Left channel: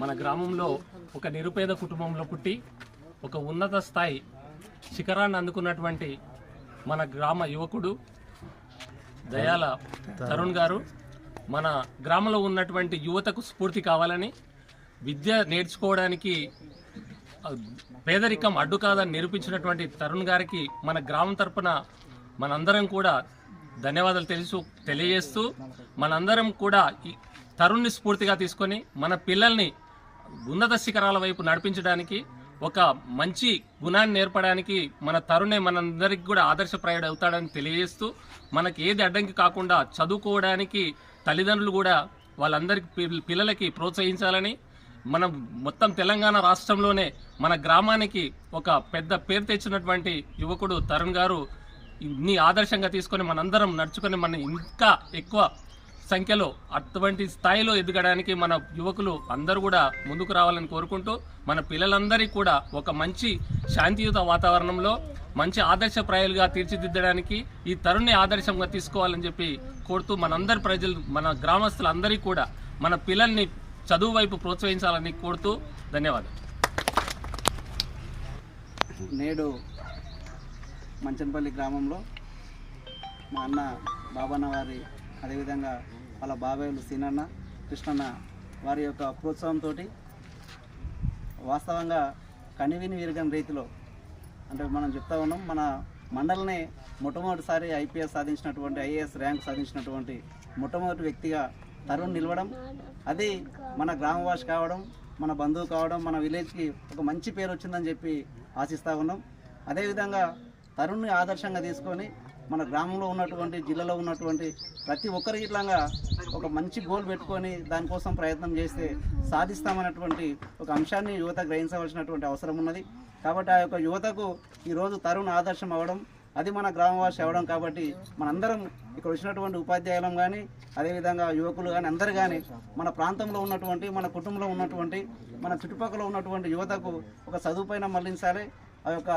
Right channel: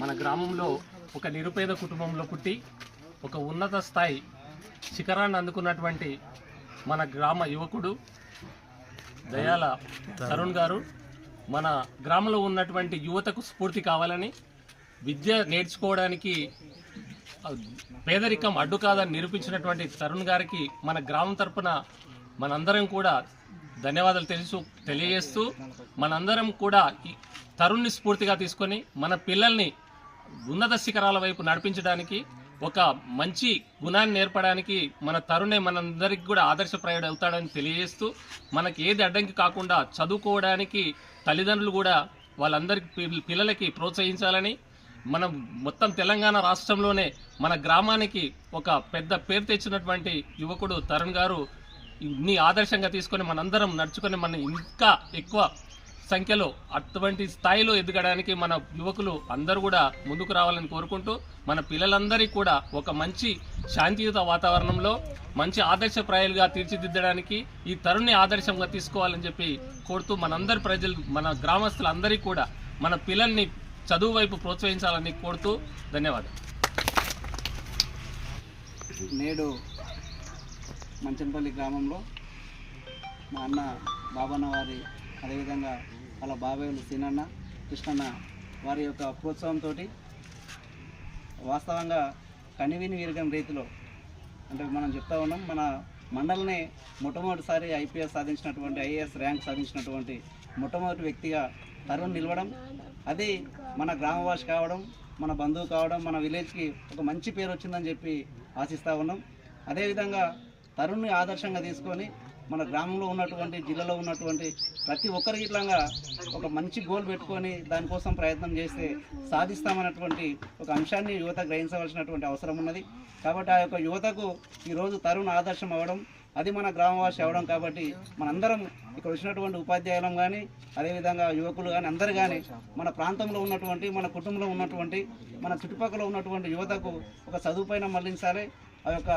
మన గ్రామంలో ఒక నిరుపేద కుటుంబంలో పుట్టి ఒక ఉన్నత స్థాయి శిఖరాన్ని అందుకున్నటువంటి మన గ్రామ యువకుడు దయాల తరుణ్ గారు. మన గ్రామంలో ఉన్నటువంటి యువతకు స్ఫూర్తి కావాలని విద్య నేర్చుకోవడానికి పేదరికం అడ్డు కాదని నిరూపించినటువంటి తరుణ్ గారికి మన గ్రామం తరపున మనందరం కూడా ధన్యవాదాలు తెలుసు తెలియజేస్తూ మనందరం కూడా తరుణ్ని స్ఫూర్తిగా తీసుకొని మన పిల్లల్ని ఉన్నత శిఖరాల వైపు నడిపించడానికి ఒక మంచి గుణాన్ని నేర్పడానికి మన తరుణే మనందరికి కూడా ఆదర్శప్రాయుడు అవుతాడని తెలియజేస్తూ మనకి ఏది అడ్డంకి కాకుండా చదువుకోవడానికి తల్లిదండ్రులు కూడా వాళ్ళందరికీ పిల్- పిల్లలకి ప్రోత్సహించాలని మనం మొత్తం తెలంగాణ రాష్ట్రంలోనే మన గ్రామానికి ఒక పెద్ద పేరు తెచ్చినటువంటి యువకుడు తరుణ్ గారు ఇన్ని ఆదర్శంగా తీసుకొని మనందరం నడుచుకొని మనం ఇంకా ఎక్కువ సంఖ్యలో అటువంటి స్థాయిలో ఎదగడానికి మన యువకులు అందరూ కూడా ముందుకు రావాలని కోరుకుంటూ మన పిల్లలందరికీ కూడా ఒక మంచి శాంతియుత వాతావరణంలో మంచి ఆదర్శప్రాయాలుగా తీర్చిదిద్దడానికి ఈ తరుణ్ణి ఆదర్శంగా తీసుకోవాలని చెప్పి కోరుతూ మనందరి ప్రజలు మన గ్రామస్తులందరికీ కూడా మన పిల్లల్ని చదువు వైపు ప్రోత్సహించాలని కోరుతూ ధన్యవాదాలు. నేడు మంచనపల్లి గ్రామంలో మా అన్న బాబన్న వారి అదేవిధంగా వాళ్ళ బాబాయ్లు సీనన్న కృష్ణన్న వారి యొక్క ప్రోత్సాహంతో వాస్తవంగా కనివిని విరగని రీతిలో అంటే మనం చెప్తా ఉన్నాం మన మండలనే మొట్టమొదటిసారి ఐపీఎస్ సాధించినటువంటి ఐఏఎస్ ర్యాంక్ సాధించినటువంటి మొట్టమొదటి వ్యక్తిగా తరుణ్ నిలవడం. అది మన గ్రామవాసి కావడం మన బంధువు కావడం మన విలేజ్కి ఒక మంచి పేరు వచ్చిందని చెప్పి ఆశిస్తూ ఉన్నాం. అదేవిధంగా తరుణ్ని ఆదర్శంగా తీసుకొని మన గ్రామంలో ఉన్నటువంటి జిల్లాలో ఉన్నటువంటి ప్రతి ఒక్కరికి ఇట్లాగా ఒక మంచి గోల్ పెట్టుకొని దానికోసం ప్రయత్నం చేస్తే సాధిస్తామన్నటువంటి ఒక అంశాన్ని యువత గ్రహించవలసినటువంటి అవసరం ఉన్నది. కాబట్టి ఆ యొక్క యువతకు ఈరోజు తరుణ్ ఆదర్శం అవ్వడం అది మన గ్రామవాసి అవ్వడం కాబట్టి మనందరం ఇక్కడ వచ్చినటువంటి ఉపాధ్యాయులం కానీ అదేవిధంగా యువకులు కానీ అందరు కానీ మన ప్రాంతంలో ఉన్నటువంటి మన కుటుంబంలో ఉన్నటువంటి మన చుట్టుపక్కల ఉన్నటువంటి యువతకు ఒక చదువుపైన మళ్ళించాలి. ఆ యొక్క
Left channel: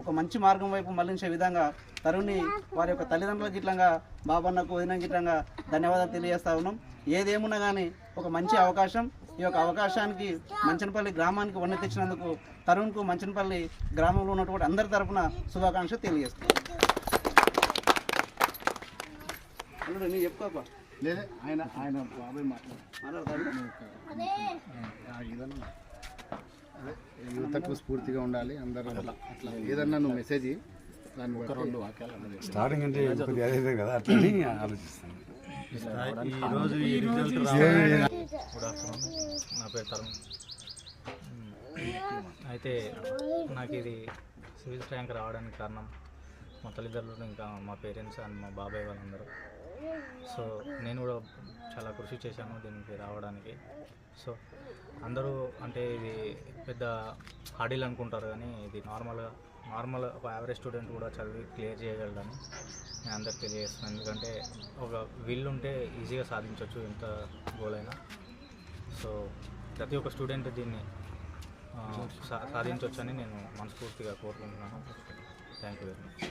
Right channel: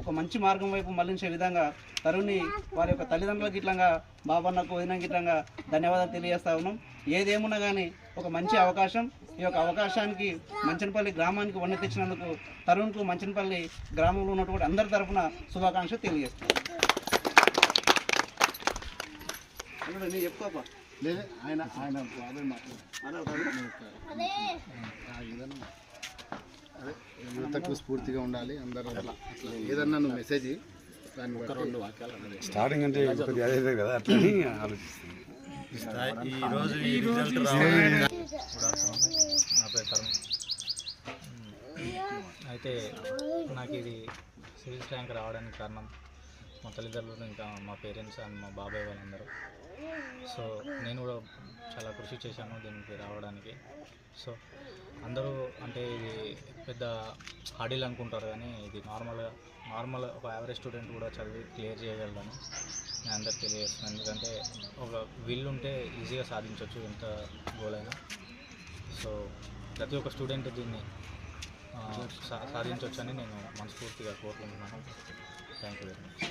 ఒక మంచి మార్గం వైపు మళ్ళించే విధంగా తరుణ్ని వారి యొక్క తల్లిదండ్రులకు ఇట్లంగా బాబన్నకు వదినకి ఇట్లంగా ధన్యవాదాలు తెలియజేస్తా ఉన్నాం. ఏదేమున్నా కానీ ఒక మంచి అవకాశం. ఈ యొక్క అవకాశానికి మంచనపల్లి గ్రామానికి వన్నె తెచ్చినందుకు తరుణ్కు మంచనపల్లి గ్రామంలో ఉన్నటువంటి అందరి తరపున శుభాకాంక్షలు తెలియజేస్తాం అల్లుడు, నీ చెప్పుకోపా. లేదు ఆయన ఆయన బాబాయ్ మాట్లాడు మనోడు, అదే యువతకు స్ఫూర్తిగా ఉండాలి అందరూ అట్లా అట్లా. ఏదన్నా నువ్వు మెసేజ్ దాన్ని రెండు వాక్యాలు స్టార్టింగ్ అంటే అదే కదా అట్లని ఆలోచిస్తాను. గుడ్ ఆఫ్టర్నూన్ నా పేరు తరుణ్. అయితే నాకు ఇది సివిల్స్ ర్యాంక్ రావడానికి కారణం మా తల్లిదండ్రులు ఇంకా మా పేరెంట్స్ అండ్ మా బాబాయ్ వాళ్ళందరూ. సో నేను కూడా చాలా కృషి చేశాను దీనికి రావడానికి. సో అందరూ అంటే ఇది పెద్ద హాడీలు అనుకుంటారు కానీ ఇది నార్మల్గా నార్మల్ ఒక యావరేజ్ స్టూడెంట్ కూడా చదివి క్లియర్ చేయగలడని నేను అందరికి తెలియజేస్తున్నాను. ఎందుకంటే ఒక విల్ ఉంటే ఈజీగా సాధించవచ్చు ఎంత గోల్ అయినా. సో ప్రతి ఒక్క స్టూడెంట్ దీన్ని సా సాధించవచ్చని నేను మనస్ఫూర్తిగా కోరుకుంటున్నాను. Thank you very much